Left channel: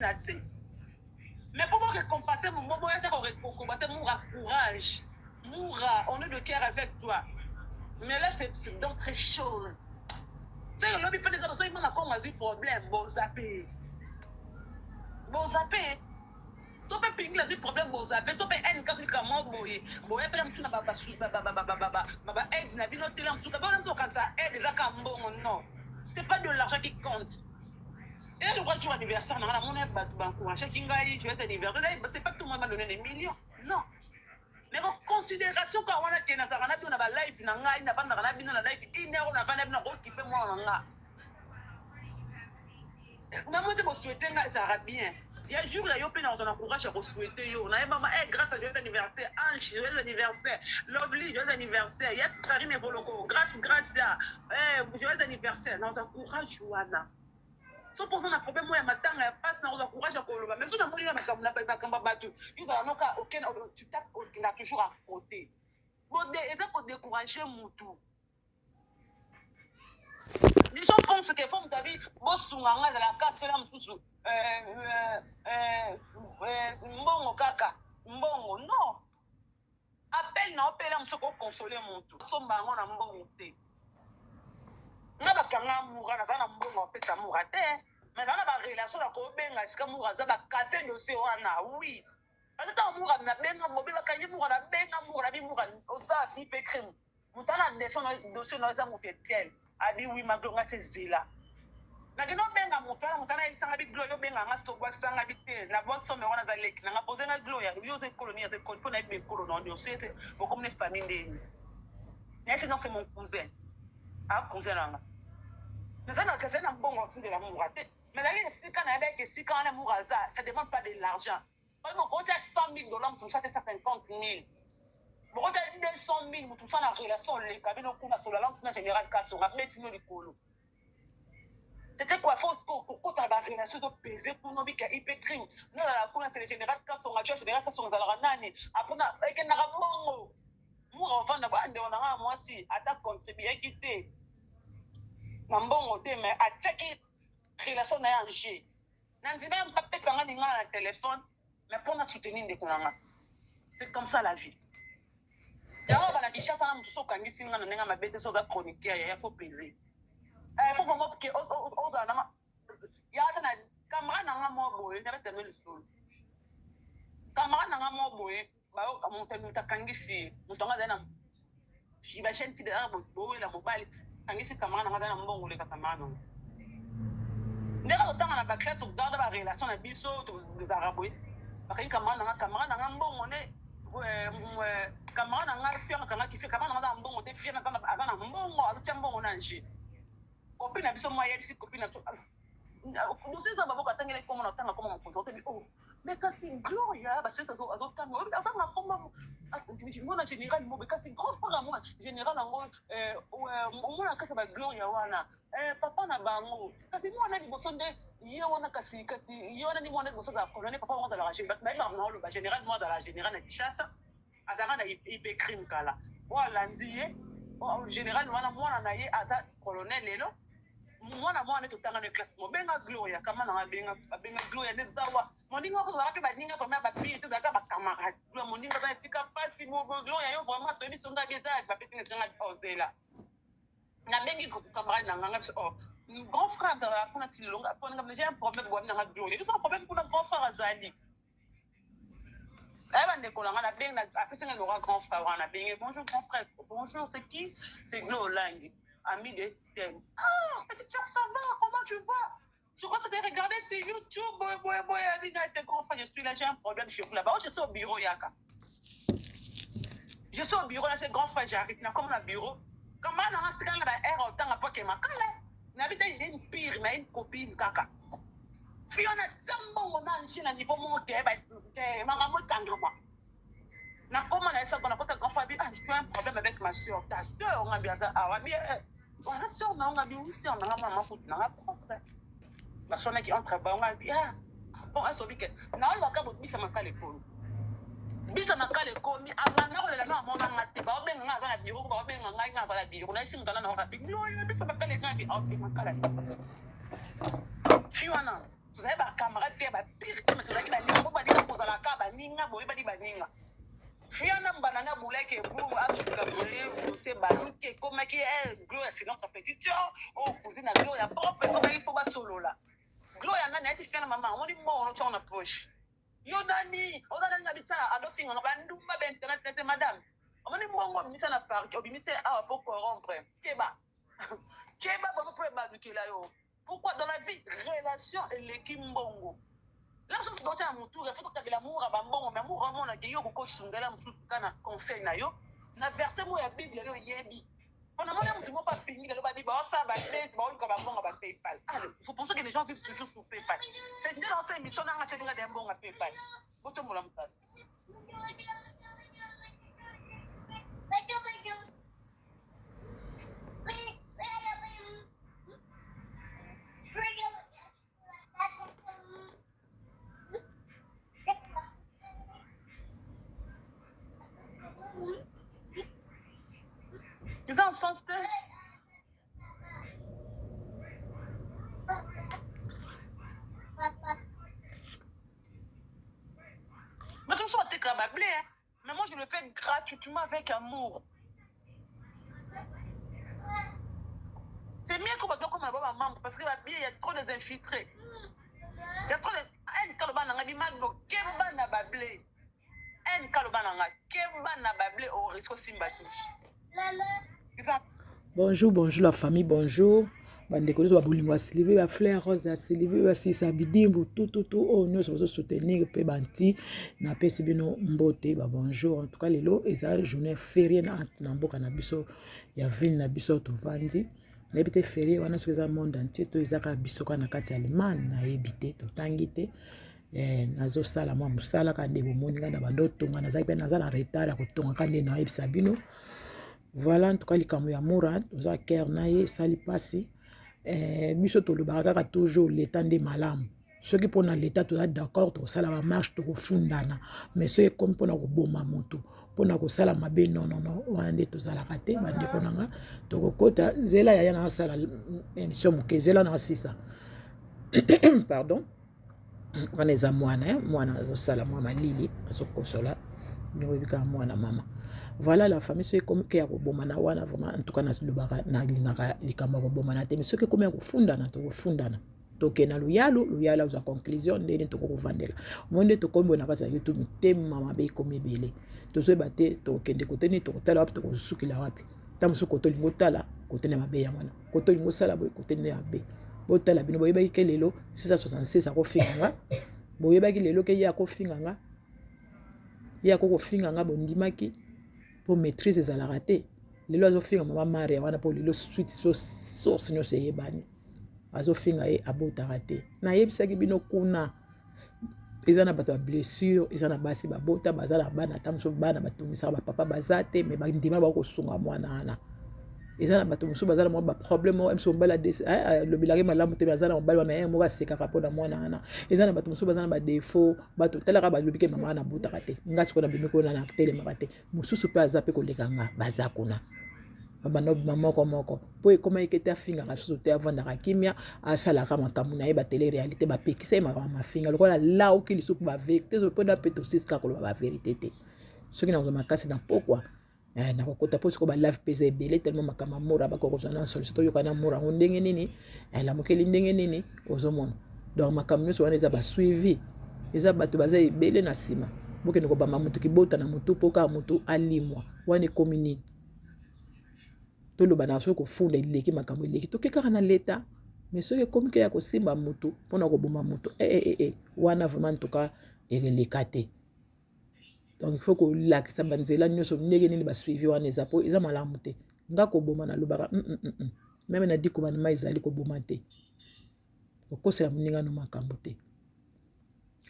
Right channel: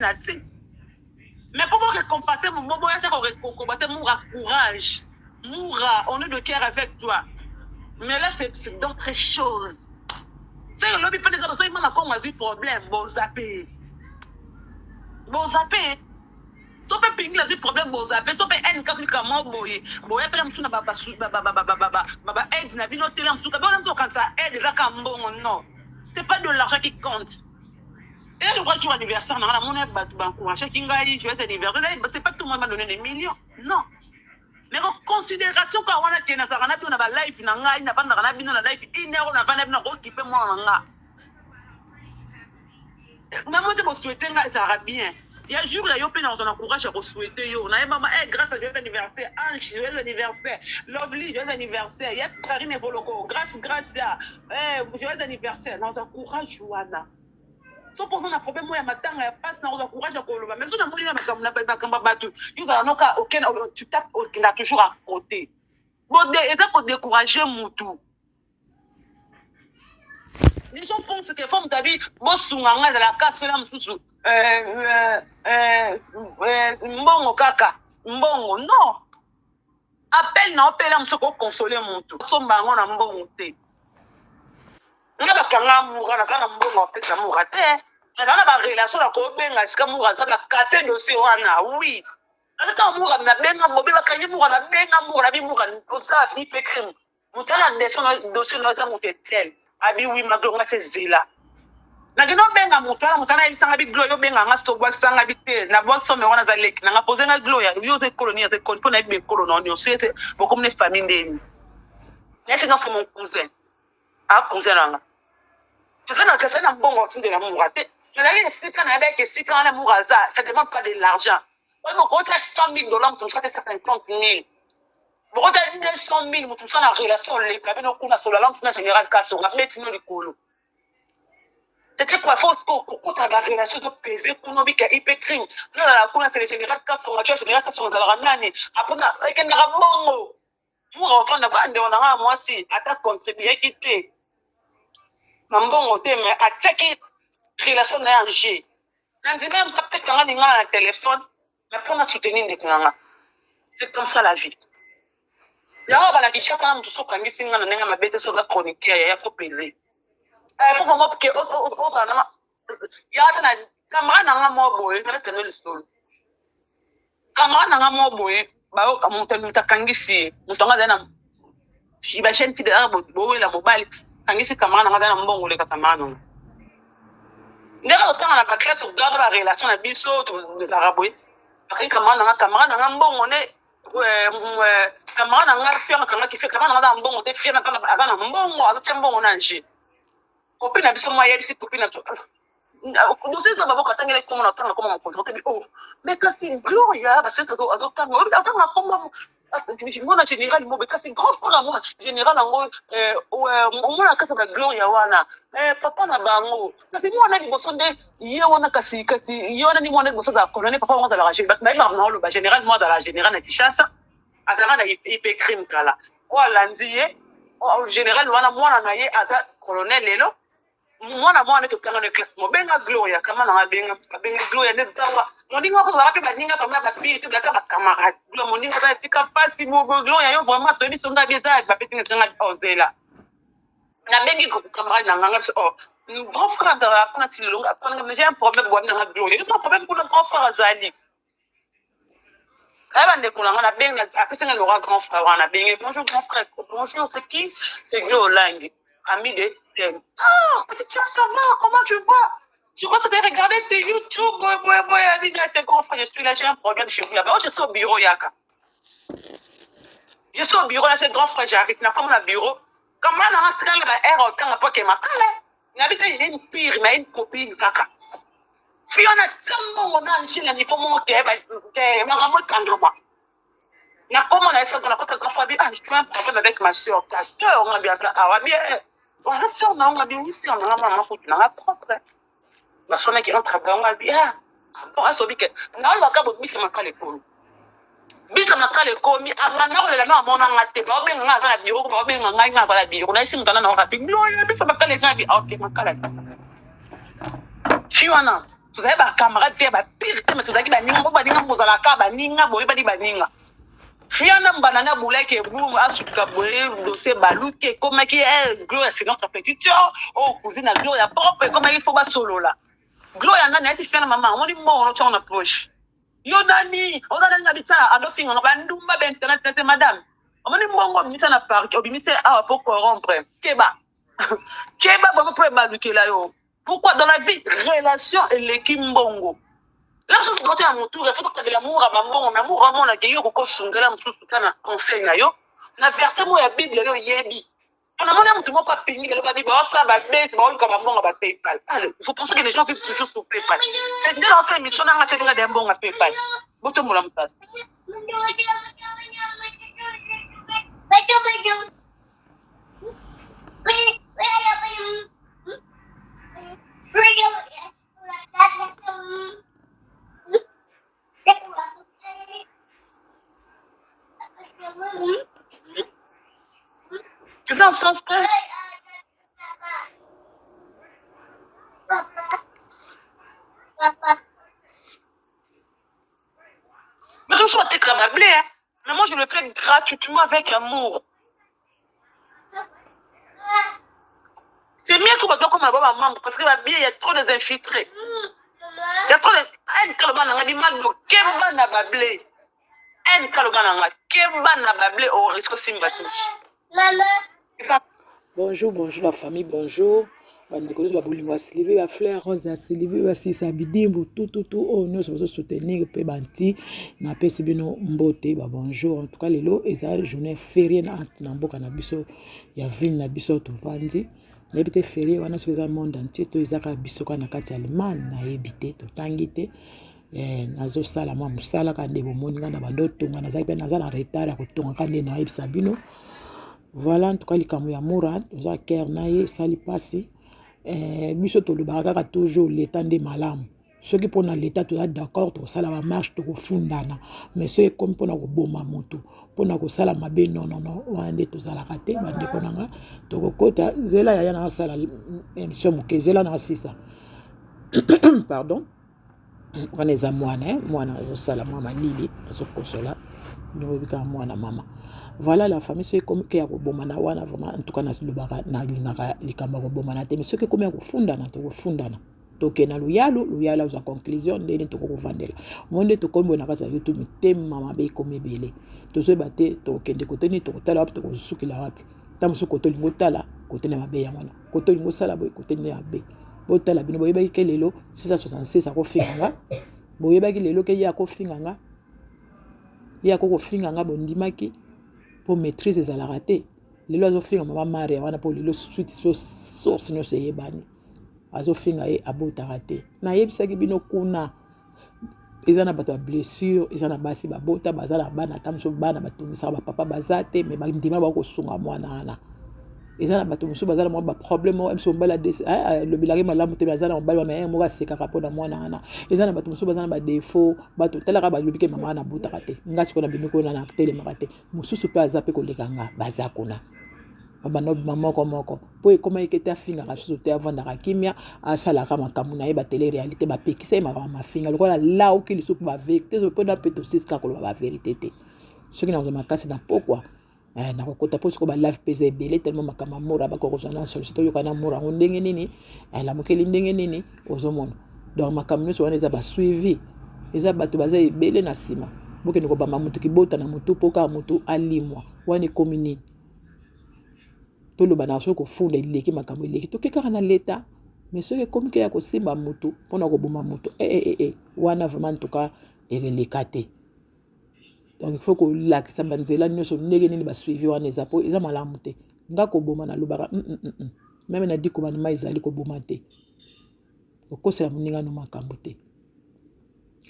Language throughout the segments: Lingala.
Mais pour récompenser mon moment, récompenser mon courage. Moura, on est de cœur avec toi. Mais là, c'est d'autres choses. C'est le lobby, peut-être, il m'a encore un problème. Bon, zappé. Bon, zappé. So pe pingla zi problème bo zappé. So pe en kasi kama boye. Boye pe msuna baba aide na bino tele msuka. Bon, msuka quand ça aide, ça kambongo, non. C'est pas de l'argent qui compte. Et le jour anniversaire, non, mon aide, bancourage, kingai, joyeux anniversaire. C'est pas tout le monde m'a donné des millions. Non. Mais en considération quand on a tenu ça, on a bien na life na ngai na banda na bino na life inero na vana na occupé moi nga. Mais moi je me souhaiter nga ça va bien. Il y a jour là yo pe na on encourage à souhaiter yo. Na maman grâce à joyeux anniversaire, Ange joyeux anniversaire, Lovely joyeux anniversaire, il y a Karine Voloko, grâce à joyeux anniversaire, na on encourage wana. So pour un problème moi matanga ya passe na encourage à koloba. Mais so na moni na makamba batu, yo za noka aucun tu tapes il a toujours à côté. Bon et ça pour décourager mutu. Les gens pensent que femme tabi bosunganga de la casse là msusu mbongo kaka mbongo non appel na appel msuko consoler mutu somba ngo na mbongo te ngaba kanga mura na sana mbongo pesa mura te na sana ba relation na ko benga sika mura za ba casser dossier wana oui ata mura na benga bobe ba kanyi mura na benga mura bi mura osa ni pekrim mutana dossier na za mutetel abi oui maglonga tsezila na gino benga mutana isanga bi gloyo benga nga stop box sanga bi te na box so me wana za lek na nga poser nga gloya yo te colonie te kon pona be colonie on souhaite beaucoup de famille ndeni nese na c'est mon cousin cousin nanga kana kasana mbongo tinde na mungu ate na ile sika na beke sika na mungu za ça demande pas de l'argent on ko ta $100,000 tu ça 50,000 Pourquoi tu as 200,000 tout ça en relation les cabines qu'on a sur la langue générale casse on a fait tino le colo. C'était quoi fausse pour ta relation de peser pour nos bica hypetring. Non la qu'on a fait général casse on a tué général casse on a la nani après na avec un rabongo. Moi on va na bande on a moi si attaque contribuer quitter. Mbongo te mais attaque relation na ange. Nanzima m'tapé quand on a un téléphone mais pour na soutenir les kunanga. C'est comme ça la vie. Y'a pas la guichet fana mtu soka ngisi ngana nenga mabete soka chronique ya faut peser. Faut vraiment que na ya tana kamera na nga mo boy na tene le sol. Kamera na nga mo boy ba o kamuta kangisi musonga dana iba chaîne fide arbo boy la mobile kangisi kamera na nga dana mbongo le kamera no. Ndeka otanga na baklat to garde la relation na biso to des araboy. Akini kamera na nga mbongo ne kamera na nga fianga kanga kife kamera na nga mbongo te fianga kanga agana mbongo azotia mbongo na nje copine na biso moya bisi copine na to dossier za babo katangele komo na tanga komo mkonzo te bi oh mais kasi gloria ba seta zo tanga obi atanga komo mona général mo be kasi grand frère mo général ngo mona kasa ba gloria wana papa na bango kasi mona liboso nde ye wana kasi ye wana ni mona liboso za colonel papa mo za la général ba na lo ba général mo za la général na Kinshasa azara na ipe crime kala wala ndiye général wana mwana na ye aza colonel lelo mwana to kanga na classe mo benga gloria kama na benga gloria ne dawa moninga ko za ba ninga kama ba pili to ka ba camarade gloria moninga ba tika pasi mo gloria yo vraiment to bi songa bi za ba peti nga ozela na bengi ko camarade na nga oh grand frère da apana tilonga apana j'ai un problème bo na gloria c'est un problème pour le grand frère azali bande kulanga na benga apesa nga le grand frère wana benga bonjour grand frère bonjour c'est qui c'est Glolang ami de petite soeur, ça va, comment tu vas? Je crois que tu as regardé sur YouTube, elle dit, c'est grand frère, je suis là, j'ai un problème chez vous. Je suis au bureau, Yaka. Je suis au bureau, là, c'est grand frère, j'arrive, là, comme au bureau. Comment on a rentré dans la air, autant à pas que ma cale? N'habite une pire, mais une copine, Kaka. Si on a tellement, on a un chien, il faut monter, ma maman, quand na comment on a essayé de la grand frère, je un problème avec ma soeur, ta soeur, on a bien ça, ah, bien. Voilà, si on a bien ici, on a maman on a propre. Ma soeur qui entre on a bien. Pour à sobi que na on va ka bobi c'est makale ko. Bisa makale ko mi amana ko le na mo na ngate ba be nga ga biro ko ba be nga nga ba biro na isi mutana na ka biglo bisa makale sa bi okay makale. Fiwana. Vous avez des camarades qui sont pire, mais vous avez des baninga, vous avez des baninga, vous avez des baninga. Fiana banana boulay qui est boum, asuka boulay, dossier balou qui est comme qui est Gloria, c'est notre petite soeur. Oh, cousine à Gloria, propre, comme il faut pas solo là. Gloria, nana, c'est fiana maman, on dit bon, on approche. Yo nani, on a nani habitué à l'office, on va nous ma internet, c'est madame. On dit bon, on dit ça n'a pas, on dit c'est ah pour corrompre. Keba, Keba, bon, pour évaluer là yo. Pourquoi dans la vie, relation et l'équipe mbongo. Là, je suis à mon tour, il faut que tu aies l'amour à maman, l'amour à mon accueil, au coach, on a un conseil. On a versé moi la Bible, il y a dit. On a demandé à tout le monde pas fini, il a dit, ça va être, comme maman, on va PayPal. Allez, il faut penser que les gens vivent toujours sur PayPal. C'est une ancienne mission, on a acheté un bon à PayPal. Beaucoup de monde ça. C'est ça, en sens que. Mais tout ça, t'es comme blé, hein. Mais moi, je le fais gratuitement avec amour. C'est mieux que je dois comme ma maman, parce que il y a trop d'infiltrés. Il y a trop de. Un calban a dit, Magno, Kemba n'a pas blé. Un calban a dit, Kemba n'a pas blé au risque simbatus. Bonjour, bonjour la famille, bonjour. Bandekolo ba bolingo Sylvie, ba Fleur Rose ya Sylvie, ba Sisa Bidimbu, tout oh nous sommes soutenir pe banti na pesi bino mbote ba bonjour. En tout cas lelo eza journée fériée na mboka na biso ya ville na biso to vandi. Na ebite férié wana so eza monde entier to ezaka biso kana kati ya Allemagne na ebite to tangite. Nazo sala mwa musala ka ndebo moninga na bando tonga na zape na za na retard ya kotonga ka nde na ebisa bino. Voilà, en tout cas, les Kamouya Mourad, aux acquérés, naïe, sali passi. Biso to le baraka toujours l'état des malames. Ceux qui prennent l'état, tout d'accord, tout ça la marche, tout fundana. Mais ceux qui comme pour nous boma moto, pour nous ça la mabe non, on a tout ça la raté, bande konanga. Tout côté, zela ya na sala émission moké, zela na sisa. Pardon. On est à moi zo sala mama lili, zo kosola. Nous vivons moi na mama. Voilà la famille, ceux qui ont bomana wana vraiment en tout cas na na lingaka likamba ko bomana te mais ceux qui comme ko fundana to fundana to kena luyalo za conclusion ndeni to ko vandela monde to kombo na kata YouTube tem mama be komi bele to so bate to kende kote ni to tala wapi to ko sukila wapi tam so koto lingo tala kote na mabe ya mwana koto lingo sala boy kote na mabe bo tala bino boyeba ke lelo 666 ko finga boyeba ke lelo ke ya ko finga ya ko finga bondimaki pour maîtriser ça la raté les lois finga mama mari wana pour le suite source no seye bani azo finga e abota raté na yebisaki bino kuna ezana bato ba blessure ezana basi ba bota bazala bana tamso bana batumisa ba papa bazate mais ba ndima ba ko sunga mwana ana ezana bato musu bazala mo ba problème o mso mbala des le bilage malamu te bazala mbala mais mo ga seka rapport na mwana ana ezana bato musu bazala ba défaut bato talaka ba lobike mama na buta kate ngasi ko na bimiko na tele makate mususu pa azape ko lekanga bazakuna baba maman moko po e koma ekete afinga ka susu te avant na kimia asala ka makamu na e ba tele réalité ba pekisa ma finga lokola la o ki lisupu ba vérité zo poda peto 6 ka ko ba vérité te ce qui na zo makasi na pourquoi na kokota po siko ba live pese belé tellement makama mora ba ko kozana sollicito yo kana mora ndenge nini la mokeli ndenge nini ozomona donc makama so wana eza ba suivi eza bato baza ebele na sima boke ndiko ba mamutu ki bota na mutu poka mutu alimwa wana komini to lo bana so ko funda ileki makama ileki to keka na leta mais so ke komike ya ko simba mutu pona ko boma mutu wana vraiment en tout cas erelikate. Donc il faut que la qui s'abanzela nous sommes négé ni ba suivi wana ezapo eza malamu te ngako boma na lobaka même na diko bana maizali ko boma te okosa ya muninga no makambo te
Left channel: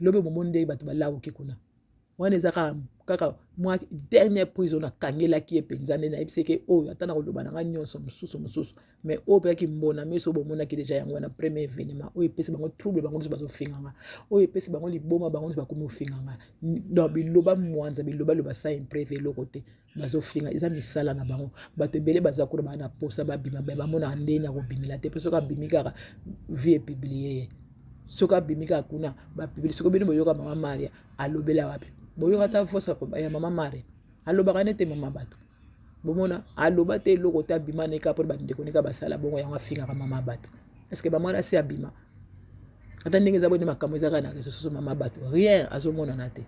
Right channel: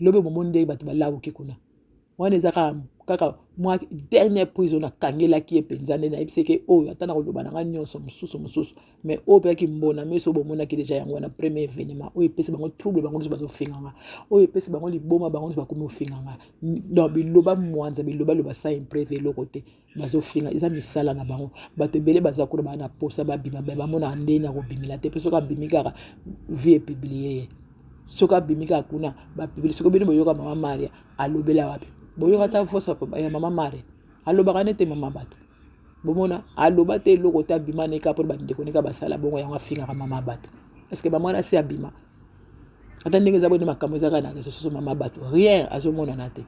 lobe momonde bato balawo kikuna wana ezaka kaka moi dernière prison na kangela ki epenzane na ibiseke oyo atana ko lobana nga nyonso mususu mais o pe ki mbona meso bomona ki déjà yango na premier événement o epesi bango trouble bango bazo finganga o epesi bango liboma bango bakomi ofinganga donc biloba mwanza biloba sa imprévu le côté bazo finga isa misala na bango bato belé bazakura bana posa babima ba mona ndena ko bimila te peso ka bimika vie publier soka bimika kuna ba public soko bino boyoka mama Maria alobela wapi boyoka ta fosa ya mama Maria alobaka nete mama bato bomona aloba te eloko te abima neka po bandeko neka basala bongo yango afingaka mama bato est-ce que bamwana si abima ata ndenge eza boni makambo ezaka na réseau sociaux mama bato rien azomonana te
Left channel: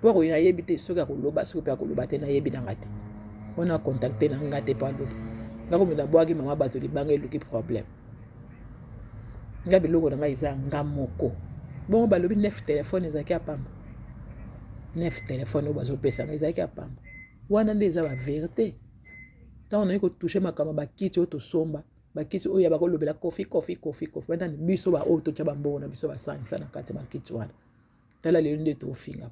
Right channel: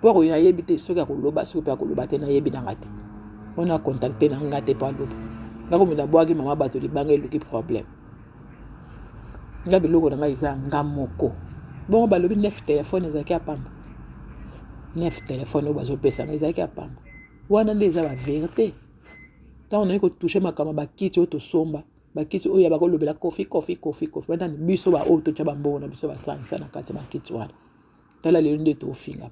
po ko yayebi te soki akoloba soki mpe akoloba te nayebi nanga te mpona contacte na nga te po aloba nakomela bwaki mama bato libanga eluki problème nga biloko na ngai eza nga moko bongo balobi 9 telefone ezalaki apamba 9 telefone oyo bazopesa nga ezalaki apamba wana nde eza baverité ntango nayi kotouche makambo bakiti oyo tosomba bakiti oyo bakolobela kofi bandani biso baoyo totya bambongo na biso basanisa na kati ya bakiti wana tala lelo nde tofinga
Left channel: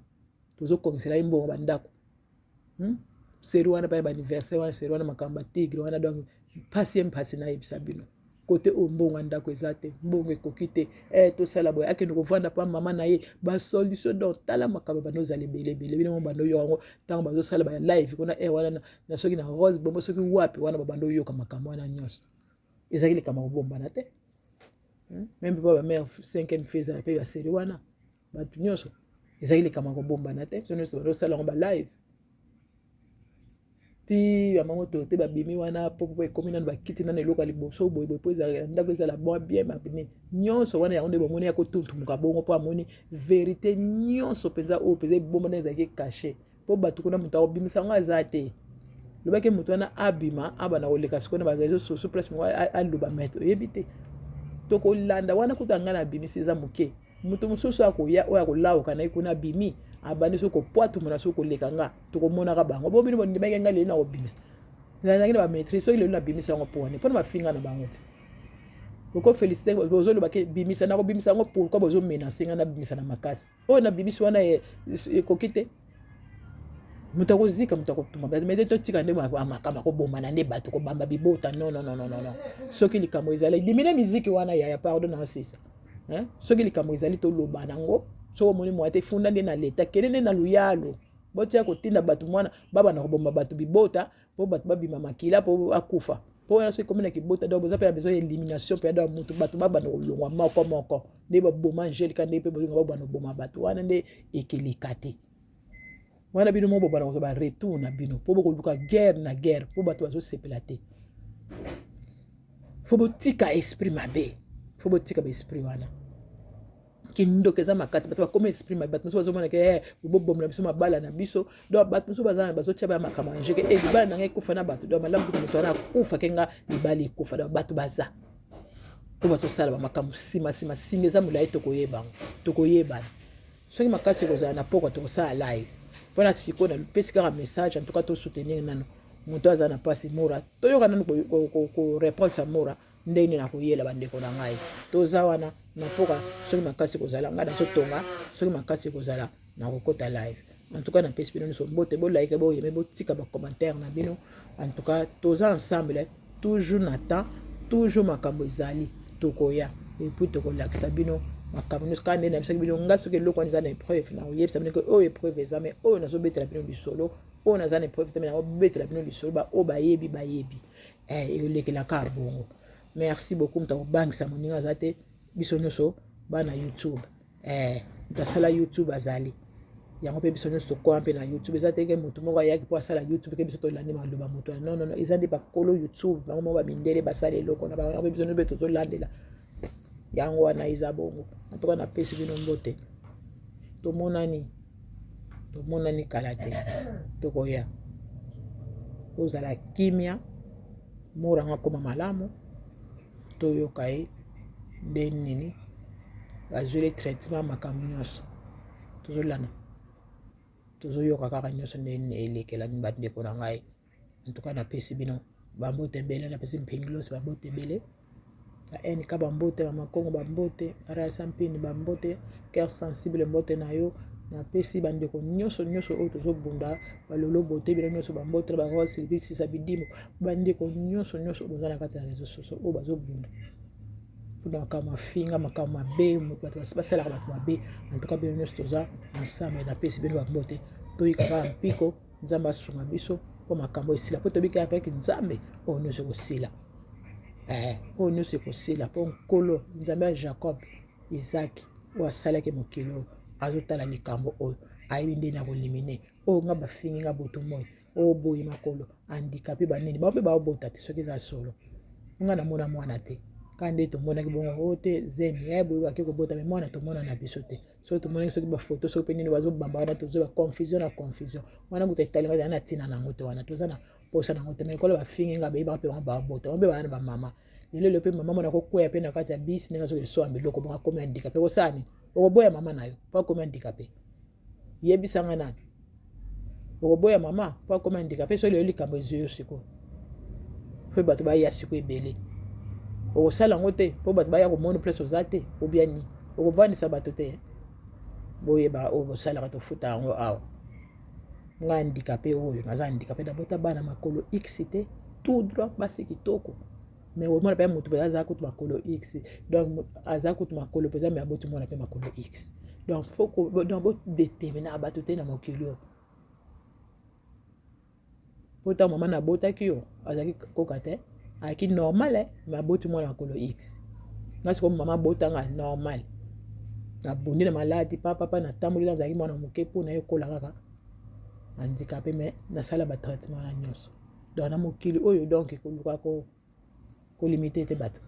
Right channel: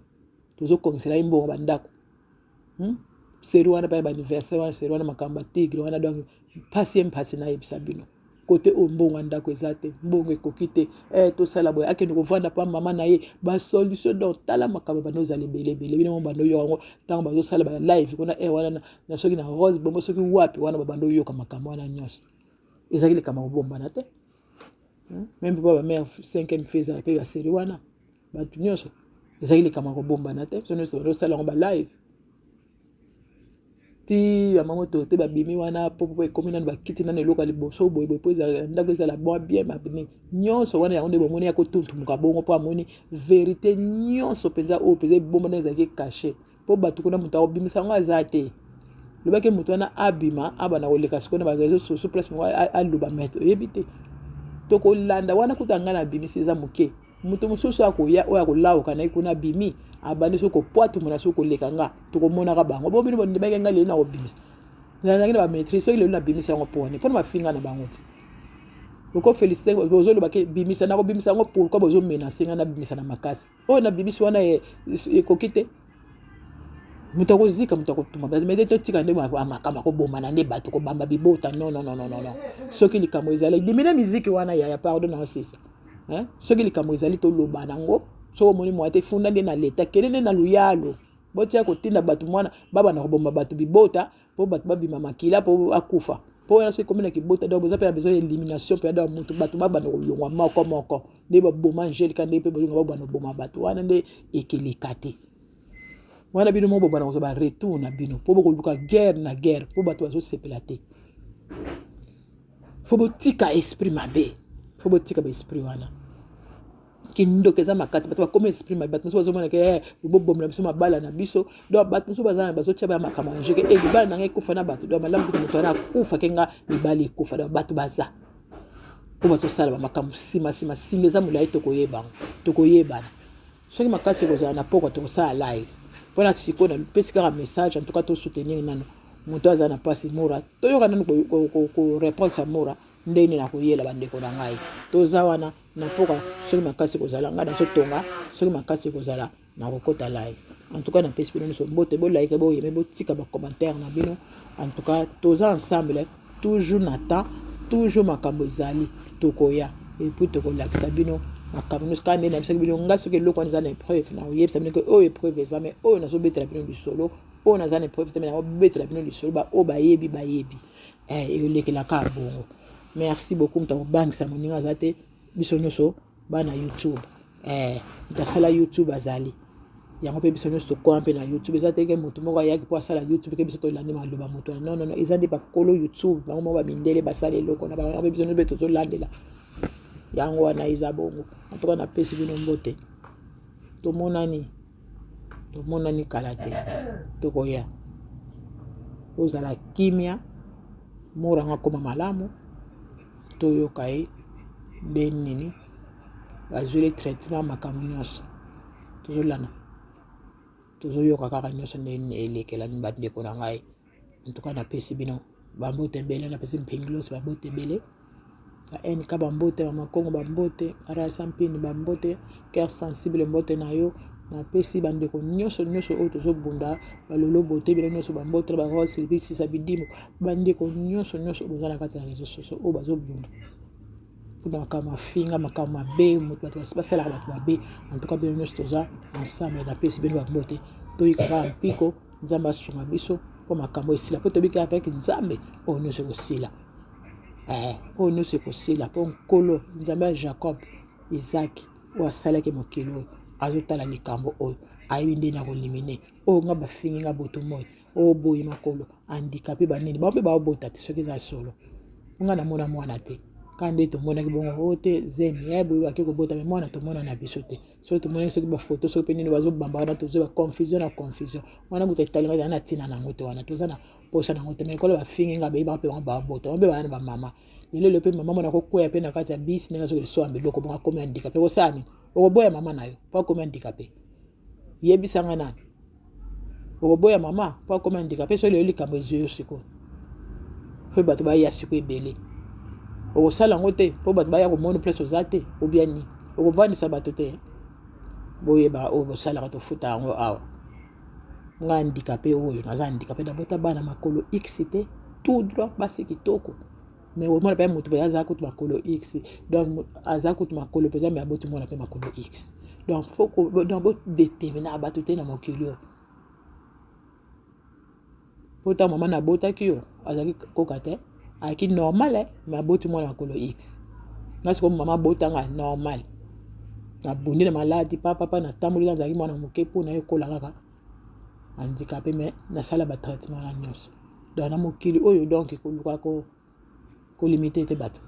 tozokongisela ye mbongo bandako seri wana pa ya baaniversaire wana seri wana makambo batigre wana donc mpasi nayebisa bino kote oyo mbongo ya ndako eza te mbongo ekoki te tosala boye akende kovanda pa mama na ye basolution donc tala makambo bando ozala ebelebele bino bando oyoka yango ntango bazosala baya live kuna wana na soki na rose bombo soki wapi wana babando oyoka makambo wana nyonso ezalaki likambo kobombana te même mpe bamare 5e fils mpe baseri wana bato nyonso ezalaki likambo kobombana te so nyonso bazosala yango balive ti bamango to te babimi wana po ekomi nano bakiti nano eloko ya liboso boyeboye po ndako ezala bon bien babini nyonso wana yango nde bomoni ya kotuntumuka bongo mpo amoni verité nyonso mpenza oyo mpenza ebomba na ezalaki caché mpo bato kuna moto akobimisa yango aza te lobaki moto wana abima abana koleka sikoyo na bareseau sociaux place moko aloba maître oyebi te tokolanda wana kuta ngai na abimisi eza moke moto mosusu akoya oyo akolawuka na ye kuna abimi abandi soki kopwatumuna soki koleka nga tokomonaka bango bo bino bondimaki ngai lelo na kobimisa nazalaki na bamaîtrise soki lelo nabimisa yango mpo wane mpona bafinga na bango te oko félicité bozolobaki bimisa nakobimisa yango pourkui bozomenase ngai nabimisa na makasi oyo nabimisi wana ekoki te moto akozika moto akotuma mete totika nde makambo akobomana nde bato kobamba bibota non soki likambo ezali dimina miziki wana ya pardon na sisa soki likambo ezali toloba nango soko omoni mwa te funda nde na leta kende nde na luyalo botia kotinda bato mwana babana kobomba bato bibota mpo bato babima makila mpo akufa mpo wana soki komi na kibota donc boza mpe na besoin ya élimination mpe ya moto bato babana kolongwa moko nde baboma angélika nde mpe bolonga babana koboma bato wana nde ekeleka te wana bino mo bobana kozwa baretour na bino mpo bokoluka guerre na guerre mpo bato bazosepela te fo botika esprit mabe fo botika baesprit wana kindoka eza makati bato bakomi esprit mabe bato mosusu bazomona ke bobomela biso mabala na biso donc bato mosusu bazotia baya makambo angeke libala na ngai ekufa na bato donc malamu kutu moto wana akufa ke nga libala ekufa donc bato baza mpo bazosala bamakambo nsima eza molai tokoyebana soki makasi ekozala na pokwa tokosala live mpona sikoyo napesi kaka message en tout cas tosoutenir nano moto aza na mpasi mora toyoka nano koréponse ya mora ndenge nakoyela bandeko na ngai toza wana na poka soki makasi ekozala ngai nazotonga soki makasi ekozala nakokota live en tout cas napesi bino nyonso mbote bolike boyeme botika bacommentaire na bino en tout cas toza ensemble toujours na temps toujours makambo ezali tokoya epuis tokolakisa bino makambo nyonso kaka nde nayebisaki bino nga soki eloko wana eza na épreuve nakoyebisa bino ke oyo épreuve eza me oyo nazobetela bino lisolo oyo naza na épreuve te me nakobetela bino lisolo oyo bayebi elekelaka bongo merci beaucoup moto akobangisa moninga aza te biso nyonso bana youtube moto asala youtube azali yango mpe biso nyonso tokoa mpe na youtube eza te ke moto moko ayaki mpo asala youtube ke biso tolandi maloba moto wana non eza nde bakolo youtube bango moko bamindele basala eloko na bango mpe biso nyonso mpe tozolandela yango wana eza bongo antoka napesi bino mbote tomonani kala te tokoya ozala kimia moranga koma malamu toyoka ye nde nini bazweli traitement makambo nyonso tozolana tozoyoka kaka nyonso nde elekela bandeko na ngai antuka napesi bino bambote ebele napesi mpingilosi bambote ebele ka bambote bamakongo bambote arasa mpini bambote cœur sensible mbote na yo napesi bandeko nyonso oyo tozobunda balolo bote ebele nyonso bambote barose silvisisa bidimo bandeko nyonso boza na kati ya réseau sociaux oyo bazobunda mpona makambo mafinga makambo mabe moto bato basalaka bato mabe antuka bino nyonso toza ensemble napesi bino bambote toyikaka mpiko nzambe asunga biso mpo makambo esila mpo tobika avec nzambe oyo nyonso ekosila oyo nyonso ekosila mpo nkolo nzambe ya jacob Isaac oyo asalaki mokili oyo azotala likambo oyo ayebi nde na kolimine oyo nga bafingi nga boto moi oyo boyi makolo handicapé banini bao mpe baobota te soki eza solo nga namona mwana te ka nde tomonaki bongo oyo te zemi ya boyi bake kobota me mwana tomona na biso te soki tomonaki soki bafoto soki mpe nini bazobamba wana tozoba confusion na confusion wana moto etalinga eza na ntina nango te wana toza na posa nango te me ekolo bafingi nga bayebaka mpe bango babota babe bana na bamama lelo mpe mama mona kokwea mpe na kati ya bisi ndenge soki esoa biloko bongo akomi handicapé kosala nini okoboya mama na yo mpo akomi handicapé yebisanga nani okoboya mama mpo akomi handicapé soki lelo likambo ezwi yo sikoyo mpe bato baya siko ebele okosala yango te mpo bato baya komona place oza te obia ni okovandisa bato te boyeba oyo bosalaka tofuta yango awa nga handicapé oyo naza handicapé dabota bana makolo x te tout droit basi kitoko mais omona mpe moto mpe aza kutu makolo x donc aza kutu makolo mpenza me aboti mwana mpe makolo x donc donc bodetermina bato te na mokili oyo po ntango mama nabotaki yo azalaki koka te ayaki normal me aboti mwana makolo x nga sikoyo mama abotanga normal nabundi na maladi papa natamboleli azalaki mwana moke mpo na ye ekola kaka handicapé me nasala batraitement na nyonso donc na mokili oyo donc koluka kolimite te bato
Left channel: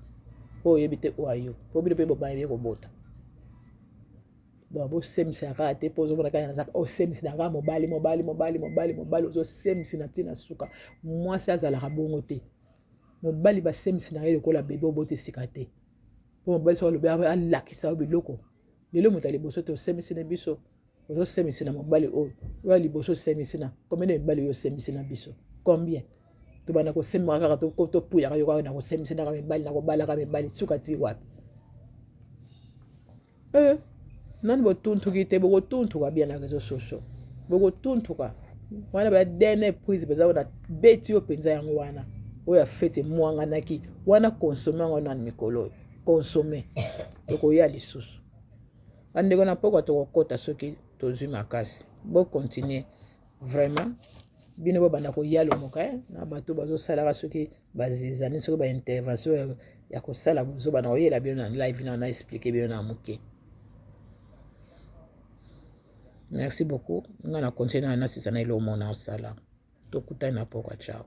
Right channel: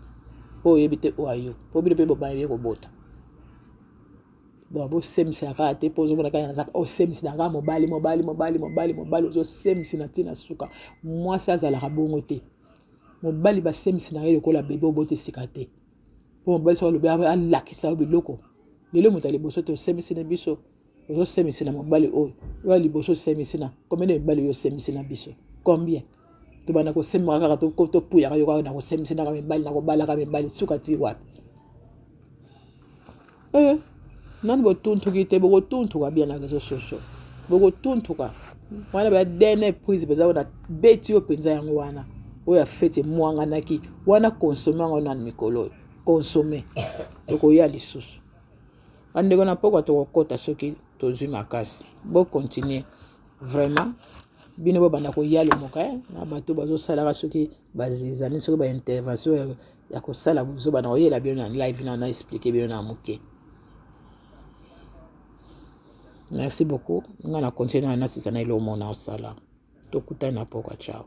oyo oyebi te oyo ayo po bino mpe bobayebi kobota donc bosemisela kaka te mpo ozomona kaka nazaka osemisela kaka mobali ozosemisi na ntina suka mwasi azalaka bongo te mobali basemisi na ye lokola bebe obota esika te mpo mobali soki alobi alakisa yo biloko lelo moto ya liboso te osemisi na biso ozosemisi na mobali oyo oyo liboso osemisi na combien de mibali oyo osemisi na biso combien tobanda kosemaka kaka topuyaka yo kaka na kosemisi naka mibali na kobalaka mibali suka ti wapi nani botuntuki te bokotuntuka bia na réseaux sociaux bokotuntuka wana badene prise mpenza wana beti yo mpenza yango wana oyo afeti mwanganaki wana konsome yango nani mikolo oyo konsome tokoya lisusu andeko na pokwa tokokota soki tozwi makasi bocontinue vraiment bino bobanda koya lomoka na bato bazosalaka soki bazizani soki baintervention ya kosala bozobana koyela bino na live na explike bino na moke. Merci beaucoup. On a continué à nasisa na ilo mona osala. Tokutana poka, ciao.